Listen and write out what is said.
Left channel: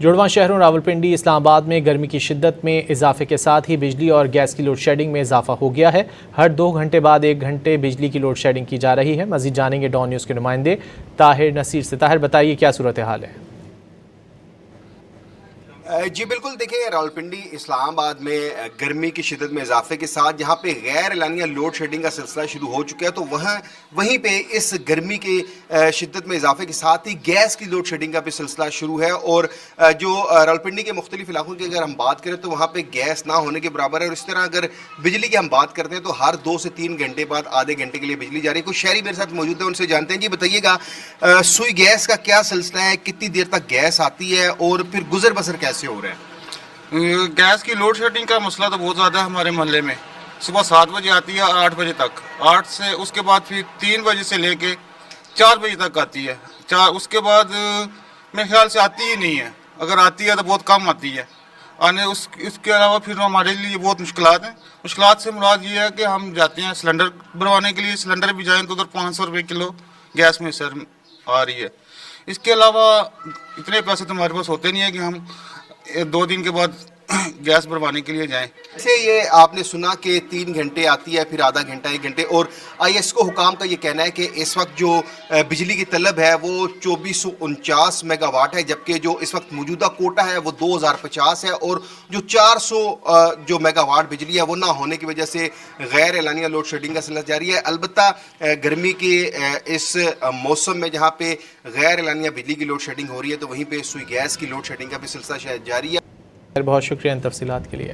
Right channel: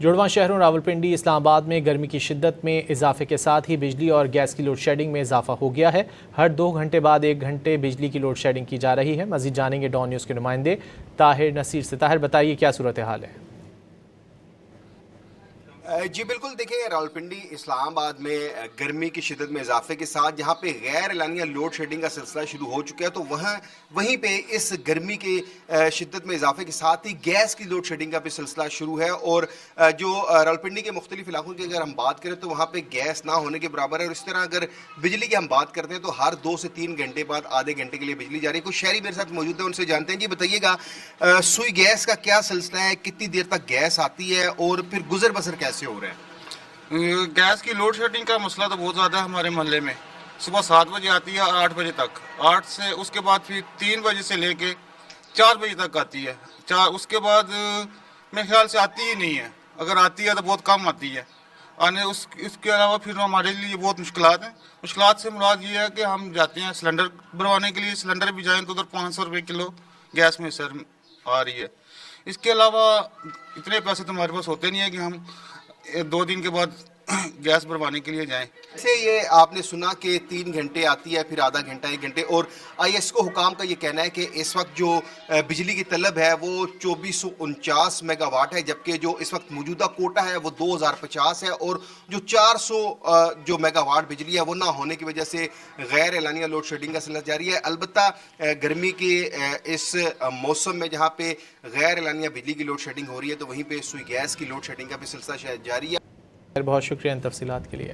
جڑواں شہروں راولپنڈی اسلام آباد میں گرمی کی شدت میں اضافے کے ساتھ ہی بجلی اور گیس کی لوڈ شیڈنگ میں اضافہ ہو گیا ہے۔ ہر 2 گھنٹے بعد 1 گھنٹے بجلی کی لوڈ شیڈنگ کی جا رہی ہے۔ مزید جانیں گے ڈان نیوز کے نمائندے طاہر نصیر سے۔ طاہر بتائیے کیا صورتحال ہے؟ جی بالکل، دیکھیں راولپنڈی اسلام آباد میں گرمی کی شدت میں اضافے کے ساتھ جہاں پہ غیر اعلانیہ لوڈ شیڈنگ کا سلسلہ شروع ہو چکا ہے، تو وہیں پہ اس گرمی کی شدت میں اضافے کے ساتھ ہی گیس کی لوڈ شیڈنگ کا بھی سلسلہ شروع ہے۔ اور جو راولپنڈی کے مختلف علاقوں کی اگر ہم بات کریں تو وہاں پہ گیس نہ ہونے کے برابر ہے، اور اس طرح اگر بجلی کی ہم بات کرتے ہیں تو ہر 2 سے 3 گھنٹے بعد آدھے گھنٹے کے لیے بجلی جا رہی ہے۔ کچھ شہری میرے ساتھ موجود ہیں، ان سے جانتے ہیں۔ جی بتائیے گا سوئی گیس کا کیا سلسلہ ہے، کتنی دیر تک گیس آتی ہے اور پھر گزر بسر کیسے ہو رہا ہے؟ گیس کی لوڈ شیڈنگ کا مسئلہ تو بہت زیادہ ہے ہمارے محلے میں۔ صبح 7 بجے آتی ہے 8 بجے تک، 8 سے اس کے بعد پھر 3 بجے سے لے کے 4 بجے تک آتی ہے۔ اس کے بعد میرے خیال سے آتی ہی نہیں ہے، اگر آتی ہے تو بہت کم آتی ہے۔ اس کے علاوہ پھر ہمارے لیے بہت مشکلات ہیں۔ مشکلات سے مراد یہ ہے کہ ہم جاتے ہیں سلنڈر بھروانے کے لیے، سلنڈر بھی جائیں تو ادھر 500 روپے کلو گیس میں سر آ رہی ہے۔ اس کے علاوہ اتنے پیسے تو ہمارے پاس ہوتے نہیں ہیں کہ ہم 2 دن کے بعد گیس بھروانے کے لیے جائیں۔ سے یہ آپ نے سنا کہ 3 گھنٹے آتی ہے، پھر آدھا گھنٹہ 1 گھنٹے، اور آئی ایس کو حکام کا یہ کہنا ہے کہ اس وقت جو بجلی کی طلب ہے وہ 2449 میگا واٹ ہے، جبکہ جو اس وقت موجودہ کوٹا ہے وہ 2050 ہے، اور جو 400 جو میگا واٹ بجلی ہے وہ نہ ہونے کی وجہ سے غیر اعلانیہ لوڈ شیڈنگ کا سلسلہ جاری ہے۔ البتہ گرمی کے اس موسم میں جہاں پہ غیر اعلانیہ بجلی کی لوڈ شیڈنگ ہو رہی ہے تو وہیں پہ سوئی گیس کی لوڈ شیڈنگ کا بھی سلسلہ جاری ہے۔ بہت شکریہ ان تفصیلات کے لیے۔